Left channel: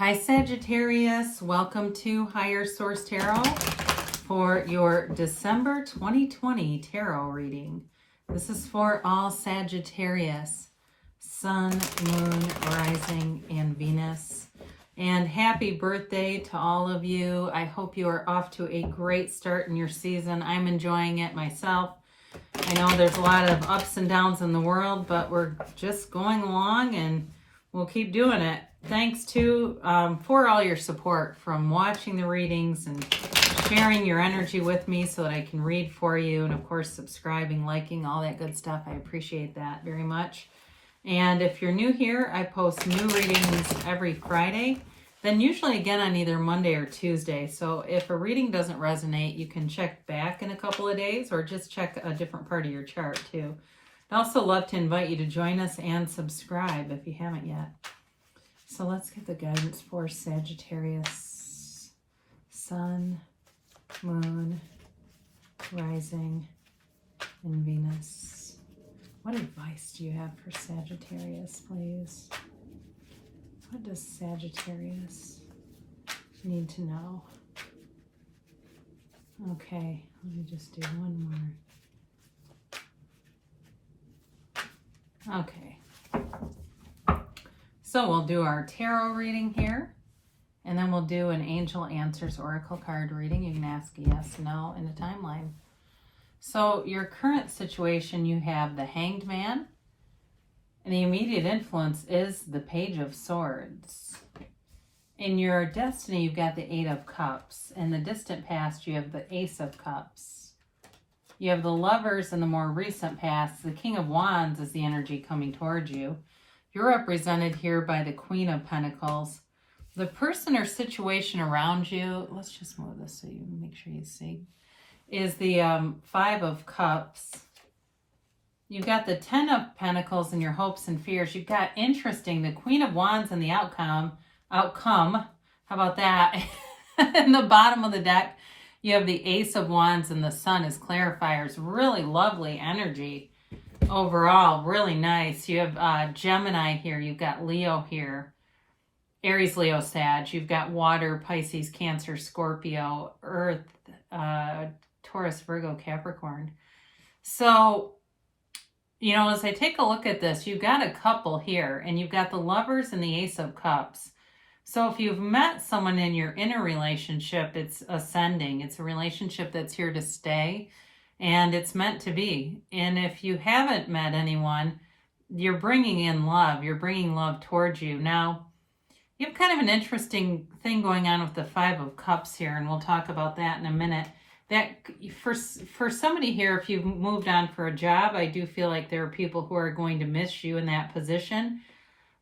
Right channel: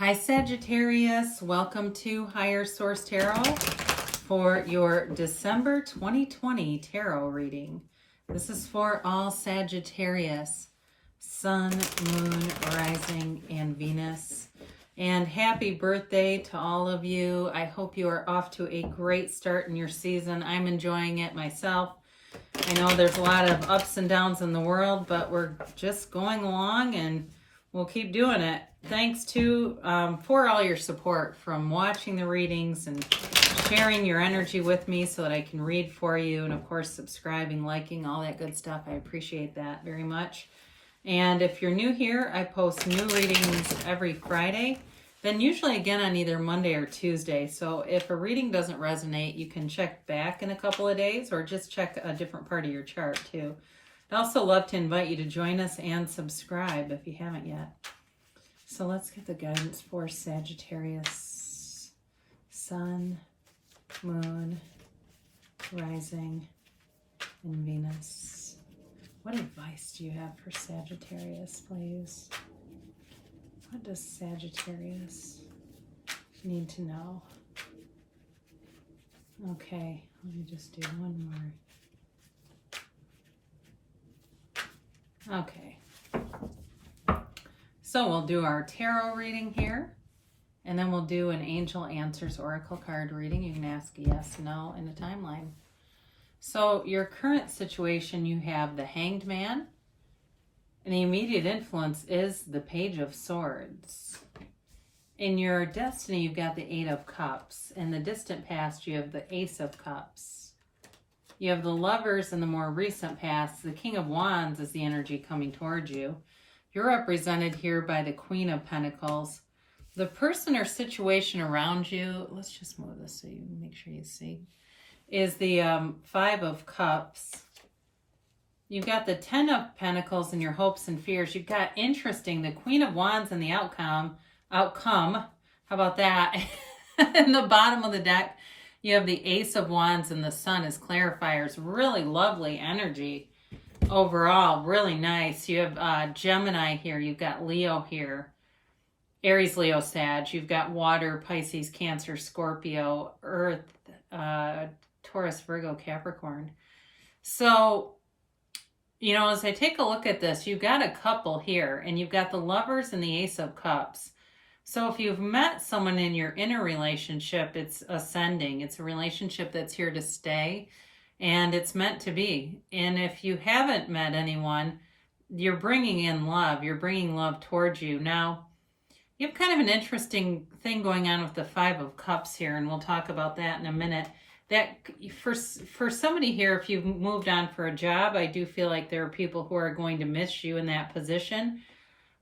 Hi Sagittarius, welcome to Higher Source Tarot for your December 2020 tarot reading. This is for all Sagittarius, Sun, Moon, Rising, and Venus. And happy birthday to all of you. I hope you are off to a great start in your season. I'm enjoying it myself. I know there's a lot of ups and downs in the world, but we're just going along and we'll keep doing it. Thanks to for all your support, from watching the readings and sharing your energy with me so that I can read for you, and of course subscribing, liking, all that good stuff. I appreciate that very much. And if you're new here, I post new readings every Friday, then usually again on either Monday or Tuesday. So if a reading doesn't resonate, you can check back in a couple of days or just check a different part of your chart too. I'd also love to invite you to join us and subscribe if you haven't yet. So let's get the guidance for Sagittarius, Sun, Moon, Rising, and Venus. What advice do you have for Sagittarius, please? What does Sagittarius need to know? Okay, let me just do one more. Okay. So we'll do our tarot reading here, and then we'll do an Angel Answers Oracle card reading. You can ask a yes, no, in a timeline. So your current situation, you have the Hanged Man, and the immediate influence is the Page of Swords. In your destiny, you've got the Eight of Cups. In the distant past, you have the Ace of Cups. You have the Lovers in the more recent past. The King of Wands is the energy coming towards you. You're represented here by the Queen of Pentacles. The person or situation around you, let's just move this so you make sure you see, is the Five of Cups. You've got the Ten of Pentacles and your hopes and fears. You've got, interesting, the Queen of Wands and the outcome. How about that? In the bottom of the deck, you have the Ace of Wands and the Sun as clarifiers. Really lovely energy. Overall, really nice. You have Gemini here. You've got Leo here. Aries, Leo, Sag. You've got Water, Pisces, Cancer, Scorpio, Earth, Taurus, Virgo, Capricorn. So, you know, as I take a look at this, you've got a couple here, and you've got the Lovers and the Ace of Cups. So if you've met someone in your inner relationship, it's ascending. It's a relationship that's here to stay. And it's meant to be. And if you haven't met anyone, you're bringing in love. You're bringing love towards you. Now, you have kind of an interesting thing going on with the Five of Cups here, and we'll talk about that in a minute. That for somebody here, if you've moved on for a job, I do feel like there are people who are going to miss you in that position.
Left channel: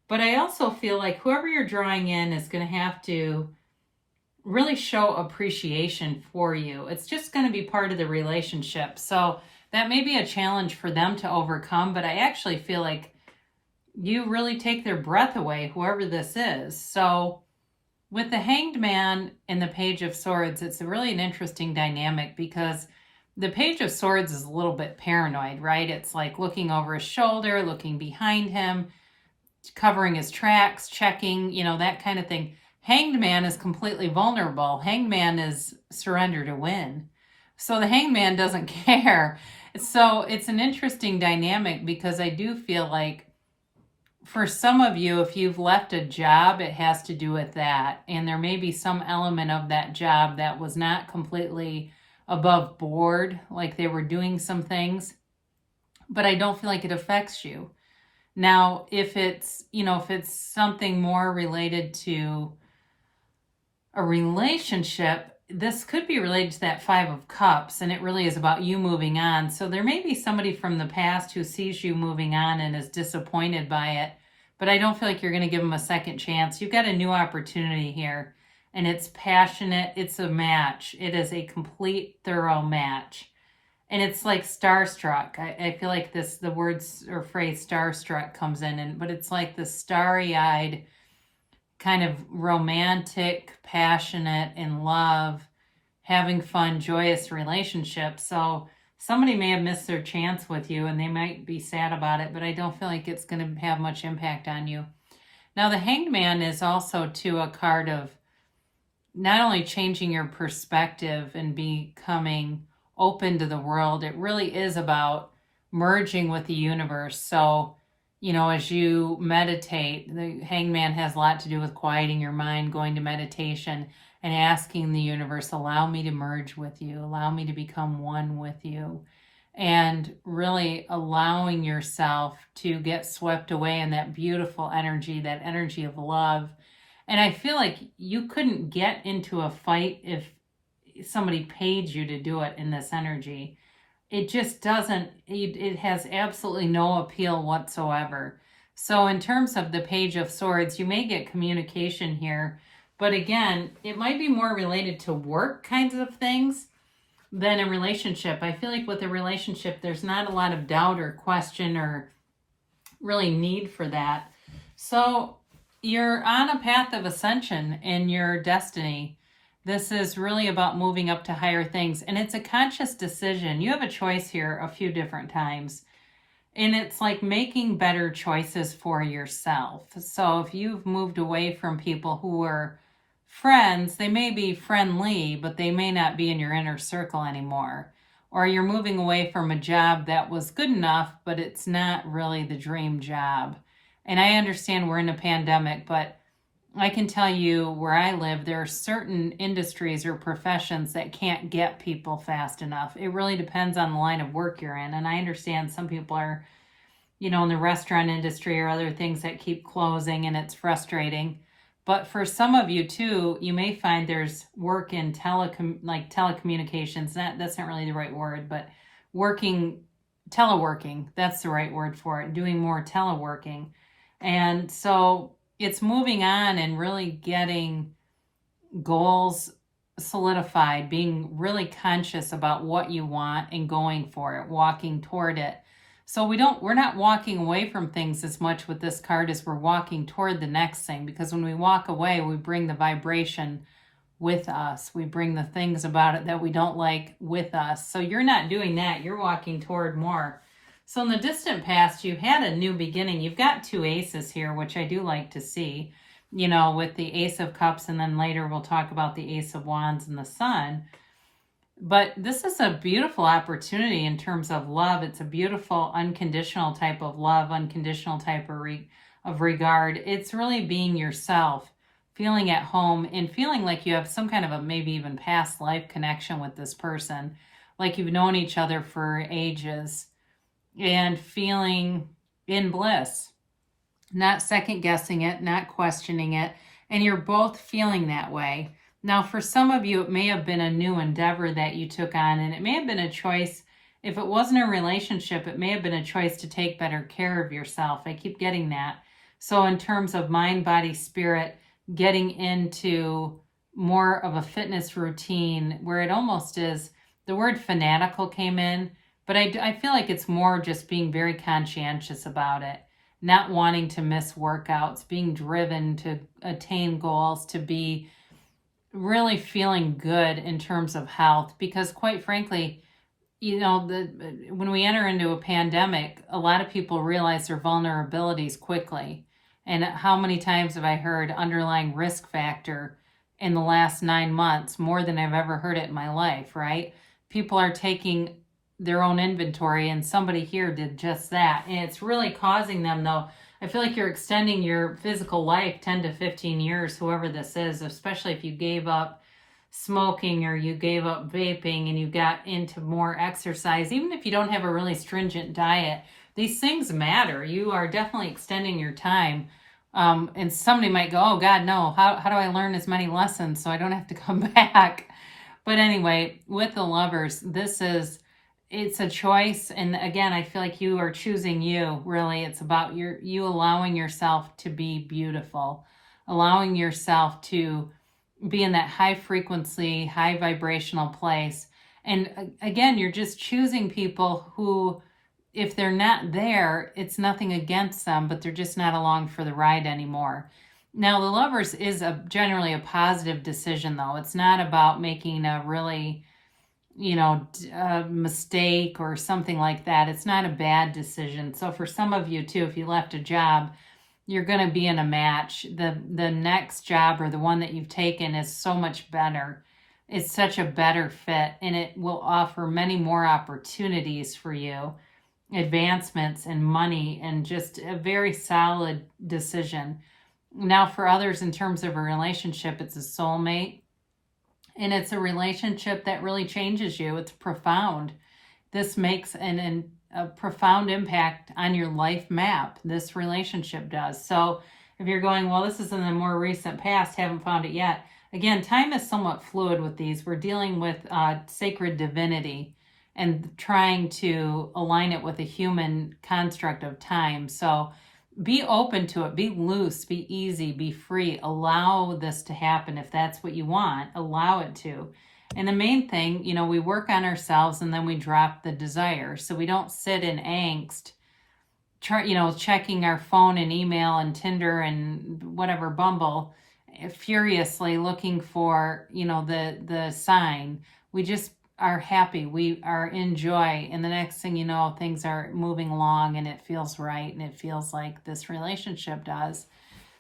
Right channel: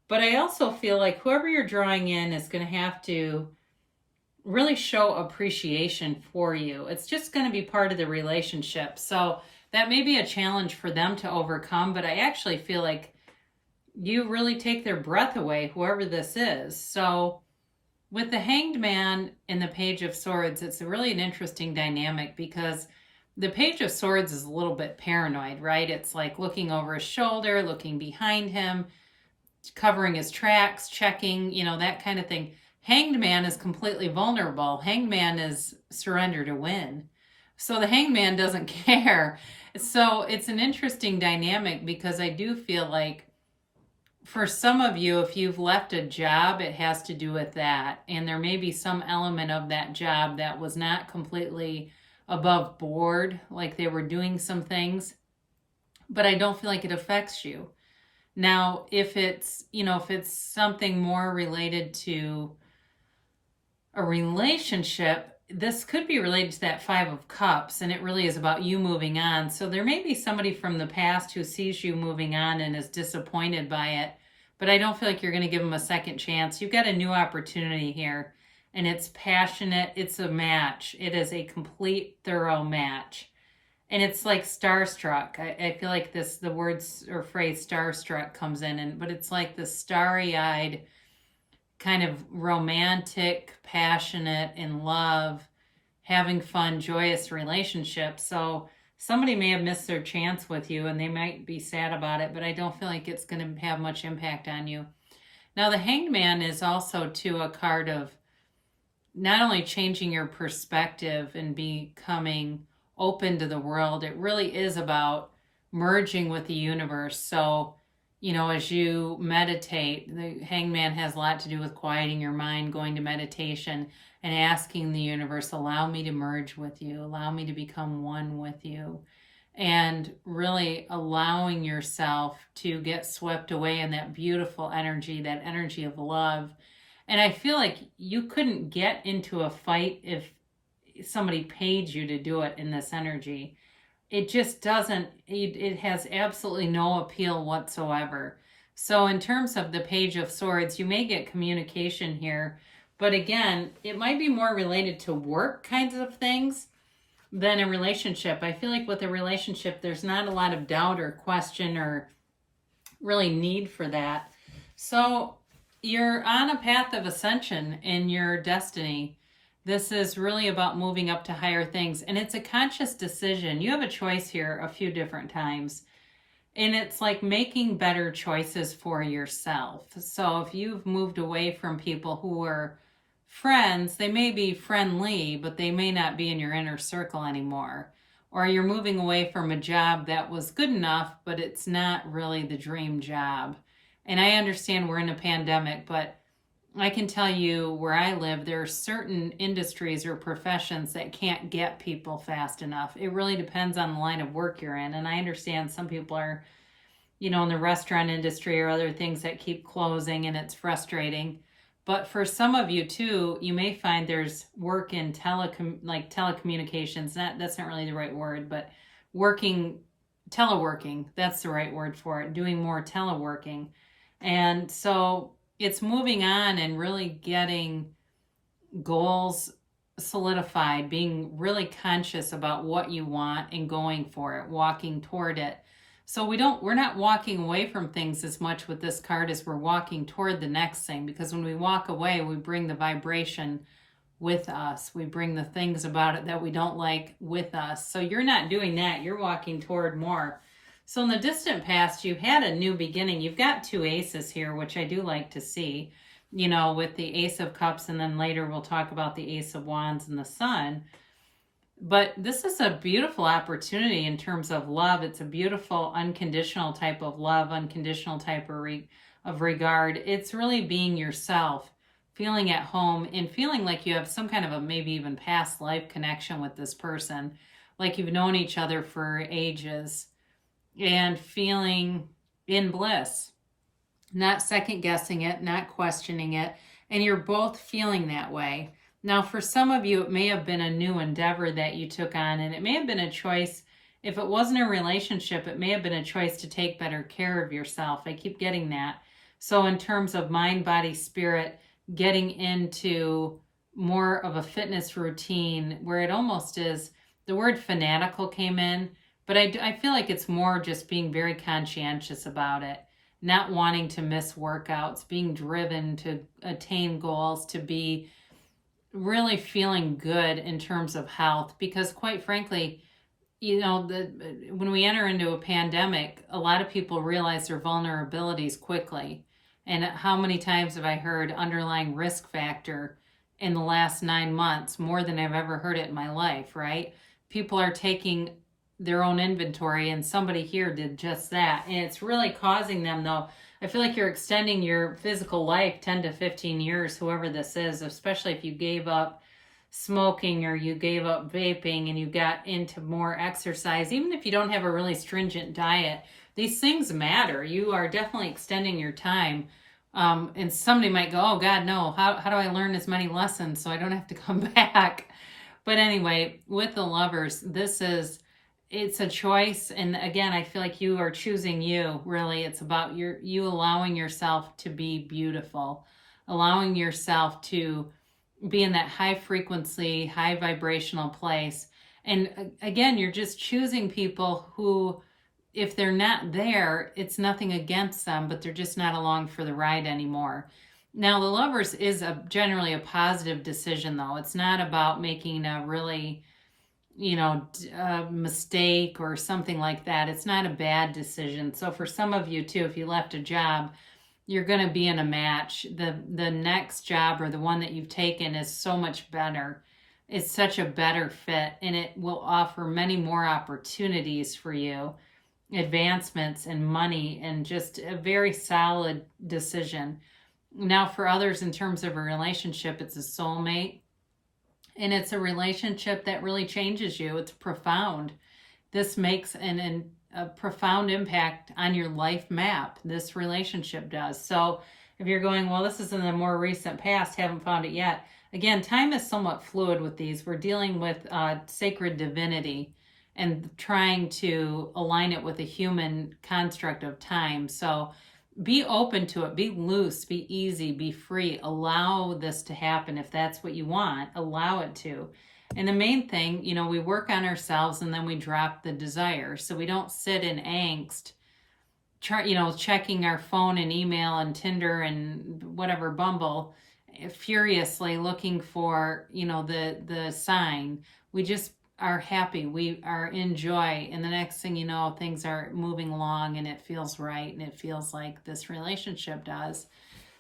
But I also feel like whoever you're drawing in is going to have to really show appreciation for you. It's just going to be part of the relationship. So that may be a challenge for them to overcome, but I actually feel like you really take their breath away, whoever this is. So with the Hanged Man and the Page of Swords, it's really an interesting dynamic because the Page of Swords is a little bit paranoid, right? It's like looking over his shoulder, looking behind him, covering his tracks, checking, you know, that kind of thing. Hanged Man is completely vulnerable. Hanged Man is surrender to win. So the Hanged Man doesn't care. So it's an interesting dynamic because I do feel like for some of you, if you've left a job, it has to do with that. And there may be some element of that job that was not completely above board, like they were doing some things, but I don't feel like it affects you. Now, if it's, you know, if it's something more related to a relationship, this could be related to that Five of Cups, and it really is about you moving on. So there may be somebody from the past who sees you moving on and is disappointed by it, but I don't feel like you're going to give them a second chance. You've got a new opportunity here, and it's passionate. It's a match. It is a complete, thorough match. And it's like starstruck. I feel like the words or phrase starstruck comes in, but it's like the starry-eyed, kind of romantic, passionate, in love, having fun, joyous relationship. So somebody may have missed their chance with you and they might be sad about it, but I don't feel like it's going to have much impact on you. Now, the Hanged Man is also, too, a card of not only changing your perspective and becoming open to the world, it really is about merging with the universe. So, as you meditate, the Hangman has a lot to do with quieting your mind, going to meditation, and asking the universe, allow me to merge with you, allow me to become one with you, and really allowing yourself to get swept away in that beautiful energy, that energy of love. And I feel like you couldn't get into a fight if somebody paid you to do it in this energy. It just doesn't, it has absolutely no appeal whatsoever. So in terms of the Page of Swords, you may get communication here, but again, it might be more related to work kinds of things than a relationship. I feel like with a relationship, there's not a lot of doubt or question or really need for that. So you're on a path of ascension in your destiny. This is really about moving up to higher things, and it's a conscious decision. You have a choice here a few different times, and it's like making better choices for yourself. So if you've moved away from people who are friends, they may be friendly, but they may not be in your inner circle anymore. Or you're moving away from a job that was good enough, but it's not really the dream job. And I understand we're in a pandemic, but I can tell you where I live, there are certain industries or professions that can't get people fast enough. It really depends on the line of work you're in. And I understand some people are, in the restaurant industry or other things that keep closing, and it's frustrating. But for some of you too, you may find there's work in telecommunications. That's not really the right word, but teleworking, that's the right word for it, doing more teleworking. And so it's moving on and really getting goals solidified, being really conscious about what you want and going for it, walking toward it. So we're not walking away from things as much with this card as we're walking toward the next thing, because when we walk away, we bring the vibration with us. We bring the things about it that we don't like with us. So you're not doing that. You're walking toward more. So in the distant past, you had a new beginning. You've got 2 aces here, which I do like to see, with the Ace of Cups, and then later we'll talk about the Ace of Wands and the Sun. But this is a beautiful opportunity in terms of love. It's a beautiful, unconditional type of love, unconditional type of regard. It's really being yourself, feeling at home, and feeling like you have some kind of a maybe even past life connection with this person, like you've known each other for ages, and feeling in bliss, not second guessing it, not questioning it, and you're both feeling that way. Now, for some of you, it may have been a new endeavor that you took on, and it may have been a choice. If it wasn't a relationship, it may have been a choice to take better care of yourself. I keep getting that. So in terms of mind, body, spirit, getting into more of a fitness routine where it almost is, the word fanatical came in, but I feel like it's more just being very conscientious about it, not wanting to miss workouts, being driven to attain goals, to be really feeling good in terms of health. Because quite frankly, when we enter into a pandemic, a lot of people realize their vulnerabilities quickly. And how many times have I heard underlying risk factor in the last 9 months, more than I've ever heard it in my life, right? People are taking their own inventory, and somebody here did just that. And it's really causing them, though, I feel like you're extending your physical life 10 to 15 years, whoever this is, especially if you gave up smoking or you gave up vaping and you got into more exercise. Even if you don't have a really stringent diet, these things matter. You are definitely extending your time. And somebody might go, oh God, no, how do I learn as many lessons so I don't have to come back? But anyway, with the Lovers, it's a choice. And again, I feel like you are choosing you, really. It's about you allowing yourself to be beautiful, allowing yourself to be in that high frequency, high vibrational place. And again, you're just choosing people who, if they're not there, it's nothing against them, but they're just not along for the ride anymore. Now, the Lovers is generally a positive decision, though. It's not about making a really mistake or something like that. It's not a bad decision. So for some of you too, if you left a job you're going to be in a match. The next job or the one that you've taken is so much better. It's such a better fit, and it will offer many more opportunities for you, advancements and money, and just a very solid decision. Now, for others, in terms of a relationship, it's a soulmate, and it's a relationship that really changes you. It's profound. This makes a profound impact on your life map. This relationship does. So if you're going, well, this is in the more recent past, haven't found it yet. Again, time is somewhat fluid with these. We're dealing with sacred divinity and trying to align it with a human construct of time. So be open to it. Be loose. Be easy. Be free. Allow this to happen if that's what you want. Allow it to. And the main thing, we work on ourselves and then we drop the desire. So we don't sit in angst, checking our phone and email and Tinder and whatever, Bumble, furiously looking for, the sign. We just are happy. We are in joy. And the next thing you know, things are moving along and it feels right. And it feels like this relationship does.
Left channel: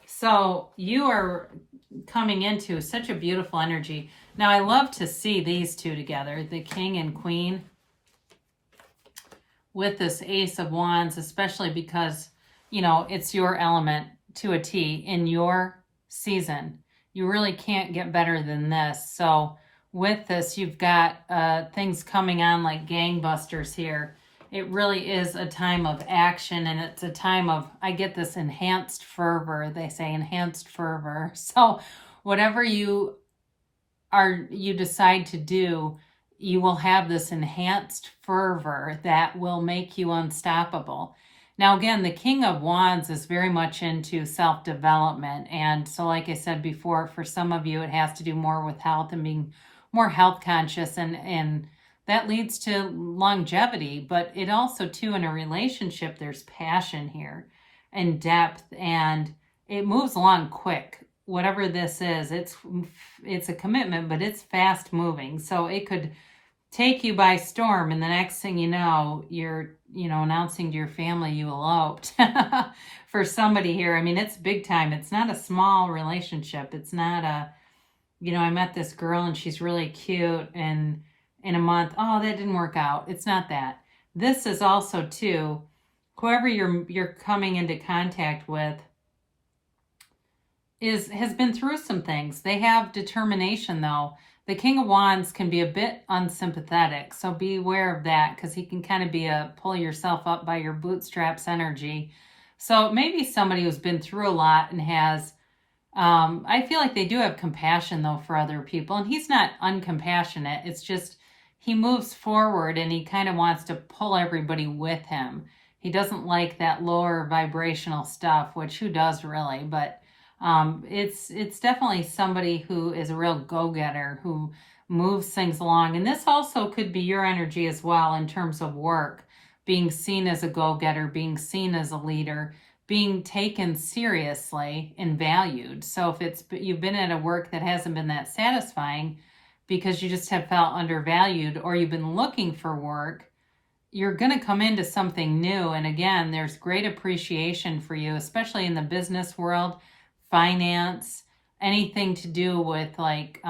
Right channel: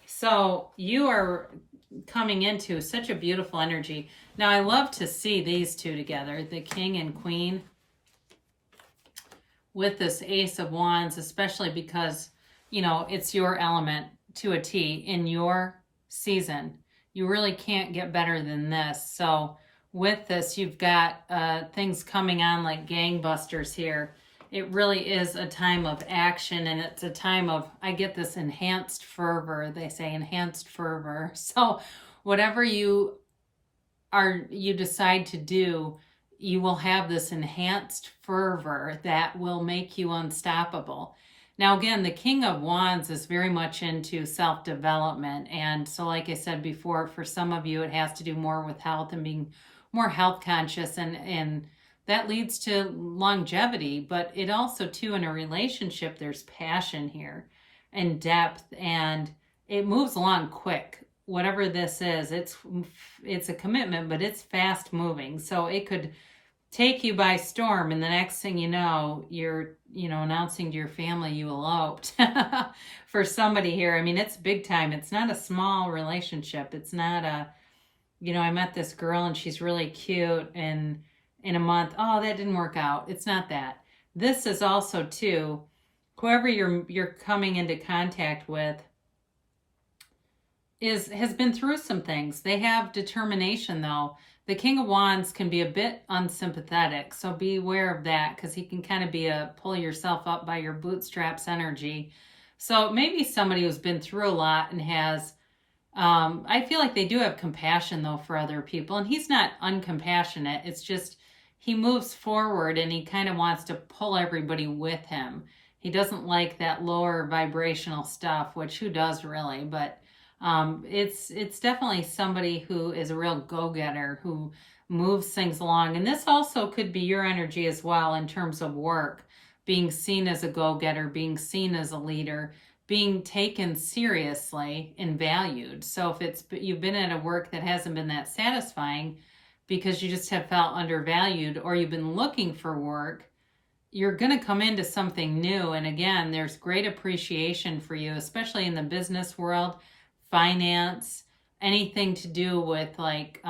So you are coming into such a beautiful energy. Now, I love to see these two together, the King and Queen, with this Ace of Wands, especially because, it's your element to a T in your season. You really can't get better than this. So with this, you've got things coming on like gangbusters here. It really is a time of action, and it's a time of, I get this enhanced fervor. They say enhanced fervor. So whatever you decide to do, you will have this enhanced fervor that will make you unstoppable. Now, again, the King of Wands is very much into self-development. And so, like I said before, for some of you, it has to do more with health and being more health conscious, and that leads to longevity. But it also, too, in a relationship, there's passion here and depth, and it moves along quick. Whatever this is, it's a commitment, but it's fast moving. So it could take you by storm, and the next thing you know, you're announcing to your family you eloped. For somebody here, I mean, it's big time. It's not a small relationship. It's not I met this girl and she's really cute, and in a month, oh, that didn't work out. It's not that. This is also, too, whoever you're coming into contact with has been through some things. They have determination, though. The King of Wands can be a bit unsympathetic, so be aware of that, because he can kind of be a pull yourself up by your bootstraps energy. So maybe somebody who's been through a lot and has, I feel like they do have compassion, though, for other people. And he's not uncompassionate. It's just he moves forward and he kind of wants to pull everybody with him. He doesn't like that lower vibrational stuff, which who does really? But it's definitely somebody who is a real go-getter, who moves things along. And this also could be your energy as well in terms of work, being seen as a go-getter, being seen as a leader, being taken seriously and valued. So if you've been at a work that hasn't been that satisfying because you just have felt undervalued, or you've been looking for work, you're going to come into something new. And again, there's great appreciation for you, especially in the business world, finance, anything to do with like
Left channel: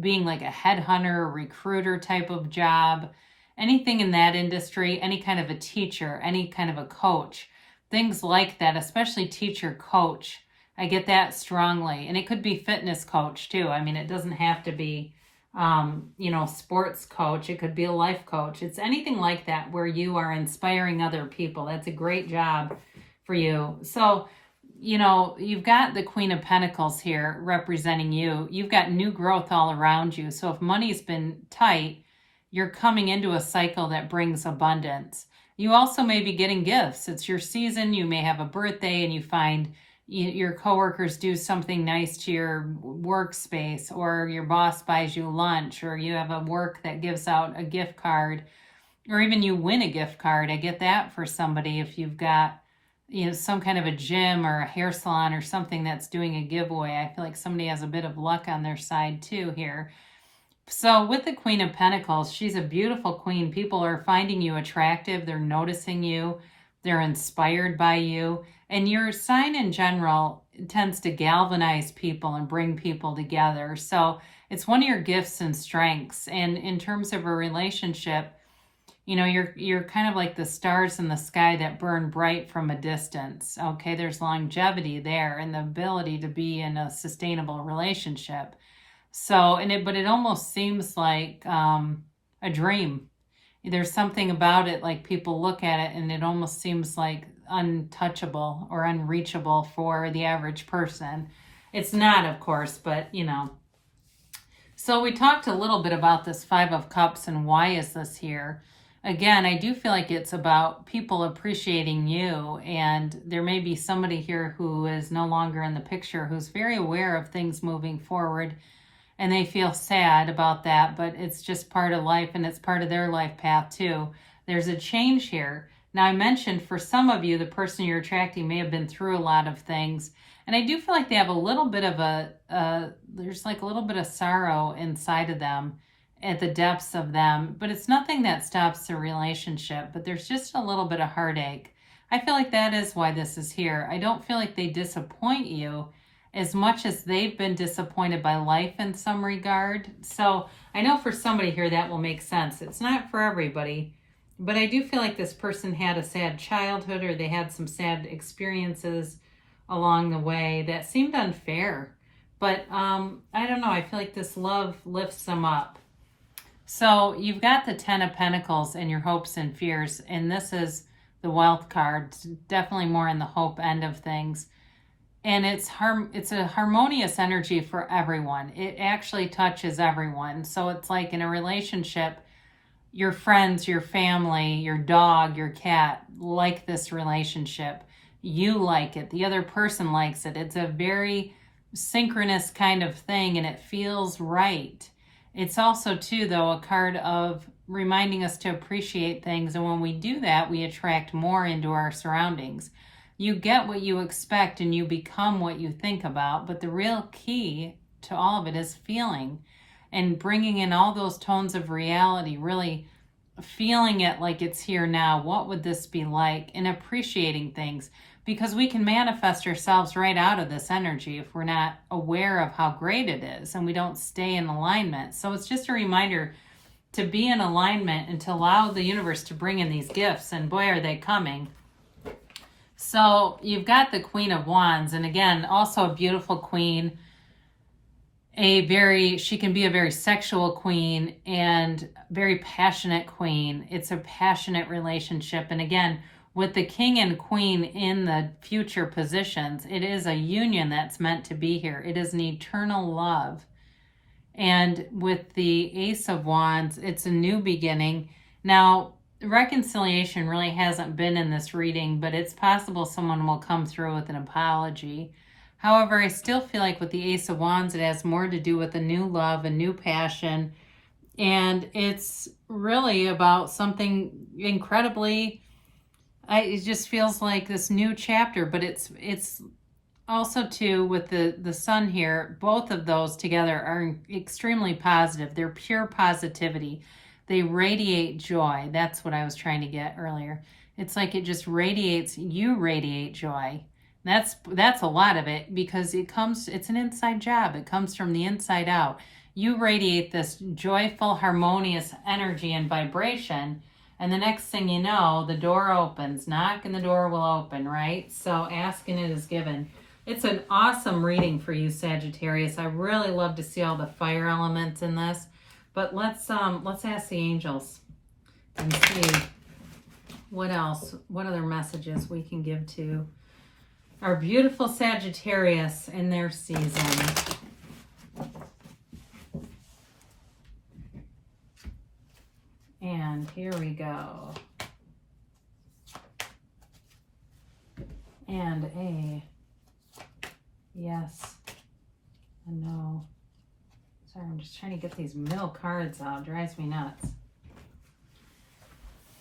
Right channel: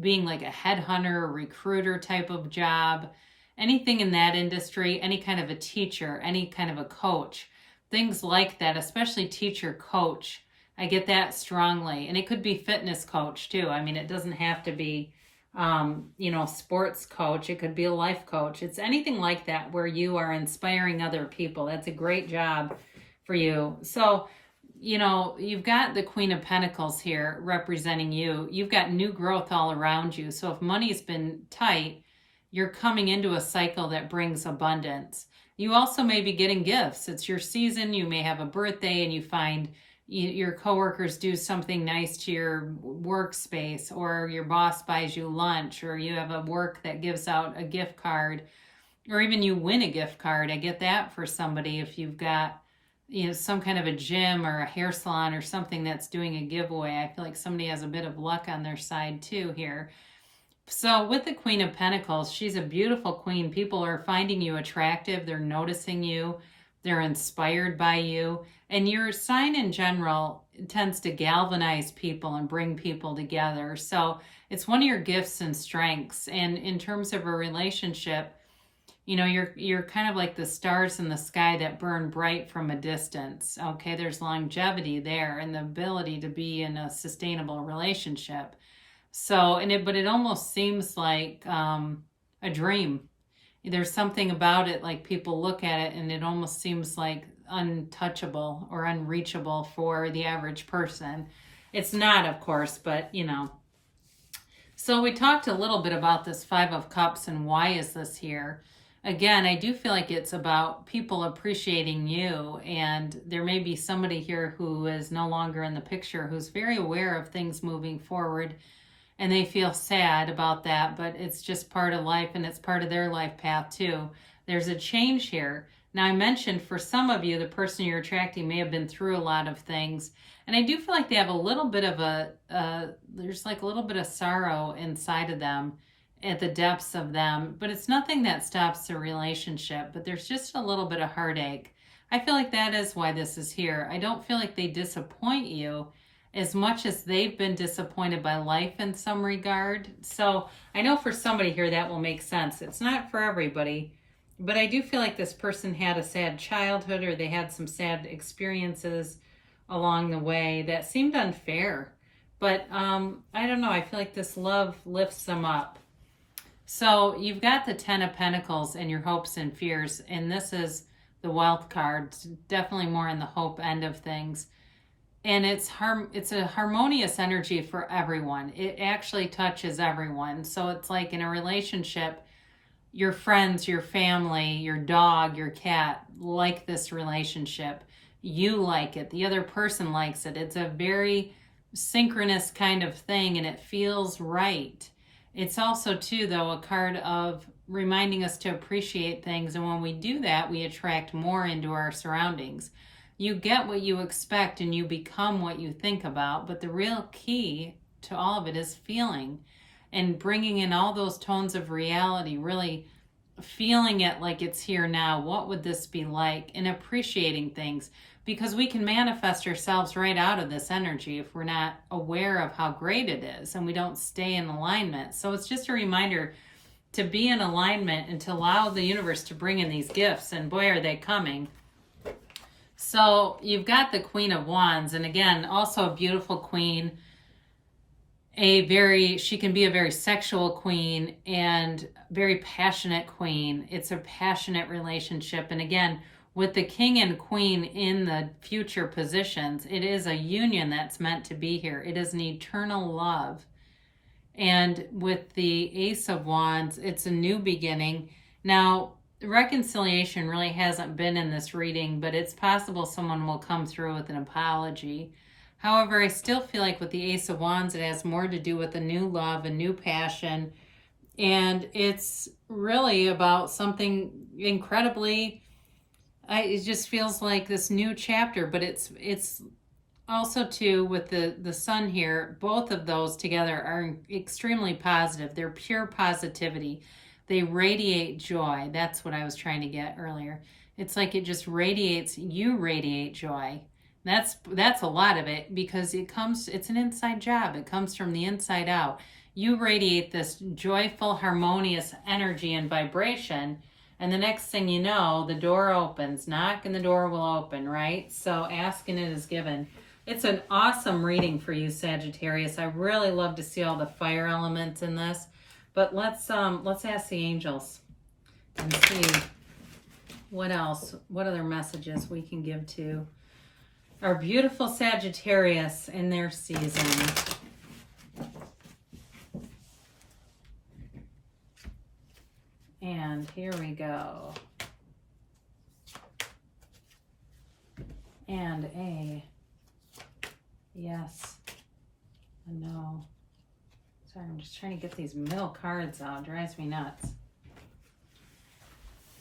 being like a headhunter, recruiter type of job, anything in that industry, any kind of a teacher, any kind of a coach, things like that, especially teacher, coach. I get that strongly. And it could be fitness coach too. I mean, it doesn't have to be, sports coach. It could be a life coach. It's anything like that where you are inspiring other people. That's a great job for you. So, you've got the Queen of Pentacles here representing you. You've got new growth all around you. So if money's been tight, you're coming into a cycle that brings abundance. You also may be getting gifts. It's your season. You may have a birthday and you find your coworkers do something nice to your workspace, or your boss buys you lunch, or you have a work that gives out a gift card, or even you win a gift card. I get that for somebody if you've got some kind of a gym or a hair salon or something that's doing a giveaway. I feel like somebody has a bit of luck on their side too here. So with the Queen of Pentacles, she's a beautiful queen. People are finding you attractive. They're noticing you. They're inspired by you. And your sign in general tends to galvanize people and bring people together. So it's one of your gifts and strengths. And in terms of a relationship, you know, you're kind of like the stars in the sky that burn bright from a distance. Okay, there's longevity there and the ability to be in a sustainable relationship. So, but it almost seems like a dream. There's something about it, like people look at it and it almost seems like untouchable or unreachable for the average person. It's not, of course, but you know. So we talked a little bit about this Five of Cups and why is this here. Again, I do feel like it's about people appreciating you, and there may be somebody here who is no longer in the picture who's very aware of things moving forward, and they feel sad about that, but it's just part of life and it's part of their life path too. There's a change here. Now, I mentioned for some of you, the person you're attracting may have been through a lot of things, and I do feel like they have a little bit of there's like a little bit of sorrow inside of them at the depths of them, but it's nothing that stops the relationship, but there's just a little bit of heartache. I feel like that is why this is here. I don't feel like they disappoint you as much as they've been disappointed by life in some regard. So I know for somebody here that will make sense. It's not for everybody, but I do feel like this person had a sad childhood or they had some sad experiences along the way that seemed unfair. But I don't know. I feel like this love lifts them up. So you've got the Ten of Pentacles and your hopes and fears, and this is the Wealth card. It's definitely more in the hope end of things. And it's a harmonious energy for everyone. It actually touches everyone. So it's like in a relationship, your friends, your family, your dog, your cat like this relationship. You like it. The other person likes it. It's a very synchronous kind of thing, and it feels right. It's also, too, though, a card of reminding us to appreciate things. And when we do that, we attract more into our surroundings. You get what you expect and you become what you think about. But the real key to all of it is feeling and bringing in all those tones of reality, really feeling it like it's here now. What would this be like? And appreciating things, because we can manifest ourselves right out of this energy if we're not aware of how great it is and we don't stay in alignment. So it's just a reminder to be in alignment and to allow the universe to bring in these gifts. And boy, are they coming. So you've got the Queen of Wands, and again, also a beautiful queen. She can be a very sexual queen and very passionate queen. It's a passionate relationship. And again, with the King and Queen in the future positions, it is a union that's meant to be here. It is an eternal love. And with the Ace of Wands, it's a new beginning. Now, reconciliation really hasn't been in this reading, but it's possible someone will come through with an apology. However, I still feel like with the Ace of Wands, it has more to do with a new love, a new passion, and it's really about something incredibly, it just feels like this new chapter, but it's also too with the sun here, both of those together are extremely positive. They're pure positivity. They radiate joy. That's what I was trying to get earlier. It's like it just radiates, you radiate joy. That's a lot of it, because it's an inside job. It comes from the inside out. You radiate this joyful, harmonious energy and vibration, and the next thing you know, the door opens. Knock and the door will open, right? So ask and it is given. It's an awesome reading for you, Sagittarius. I really love to see all the fire elements in this. But let's ask the angels and see what else, what other messages we can give to our beautiful Sagittarius in their season. And here we go. And a yes, a no. Sorry, I'm just trying to get these middle cards out. It drives me nuts.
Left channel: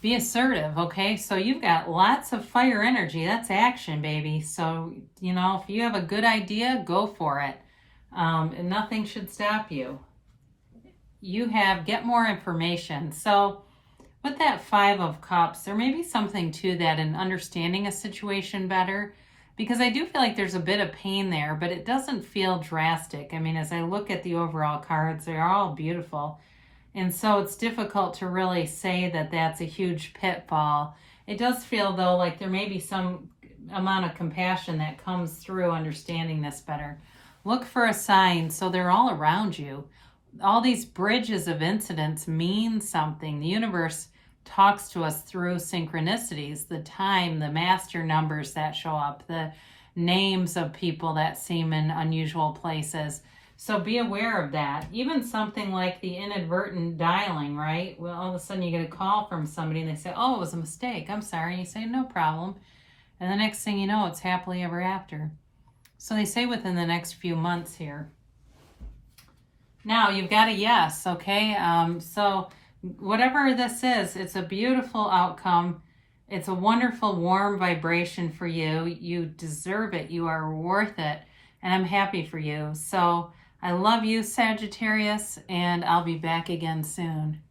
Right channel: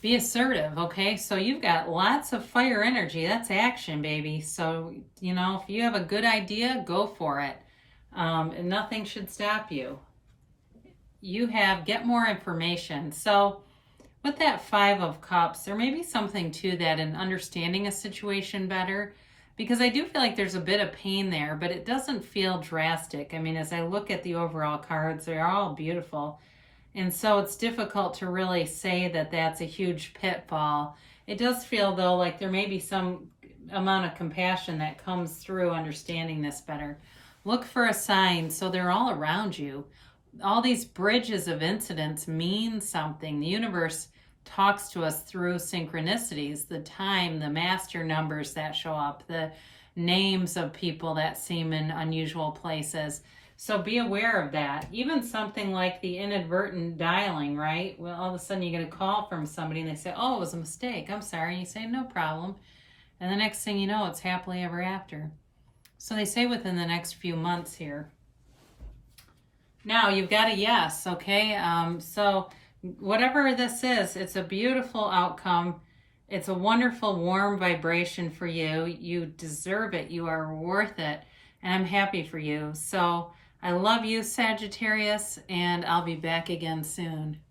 Be assertive, okay? So you've got lots of fire energy. That's action, baby. So, you know, if you have a good idea, go for it. And nothing should stop you. Get more information. So with that Five of Cups, there may be something to that in understanding a situation better, because I do feel like there's a bit of pain there, but it doesn't feel drastic. I mean, as I look at the overall cards, they are all beautiful. And so it's difficult to really say that that's a huge pitfall. It does feel, though, like there may be some amount of compassion that comes through understanding this better. Look for a sign. So they're all around you. All these bridges of incidents mean something. The universe talks to us through synchronicities, the time, the master numbers that show up, the names of people that seem in unusual places. So be aware of that. Even something like the inadvertent dialing, right? Well, all of a sudden you get a call from somebody and they say, oh, it was a mistake. I'm sorry. And you say, no problem. And the next thing you know, it's happily ever after. So they say within the next few months here. Now you've got a yes, okay? So whatever this is, it's a beautiful outcome. It's a wonderful, warm vibration for you. You deserve it. You are worth it. And I'm happy for you. So I love you, Sagittarius, and I'll be back again soon.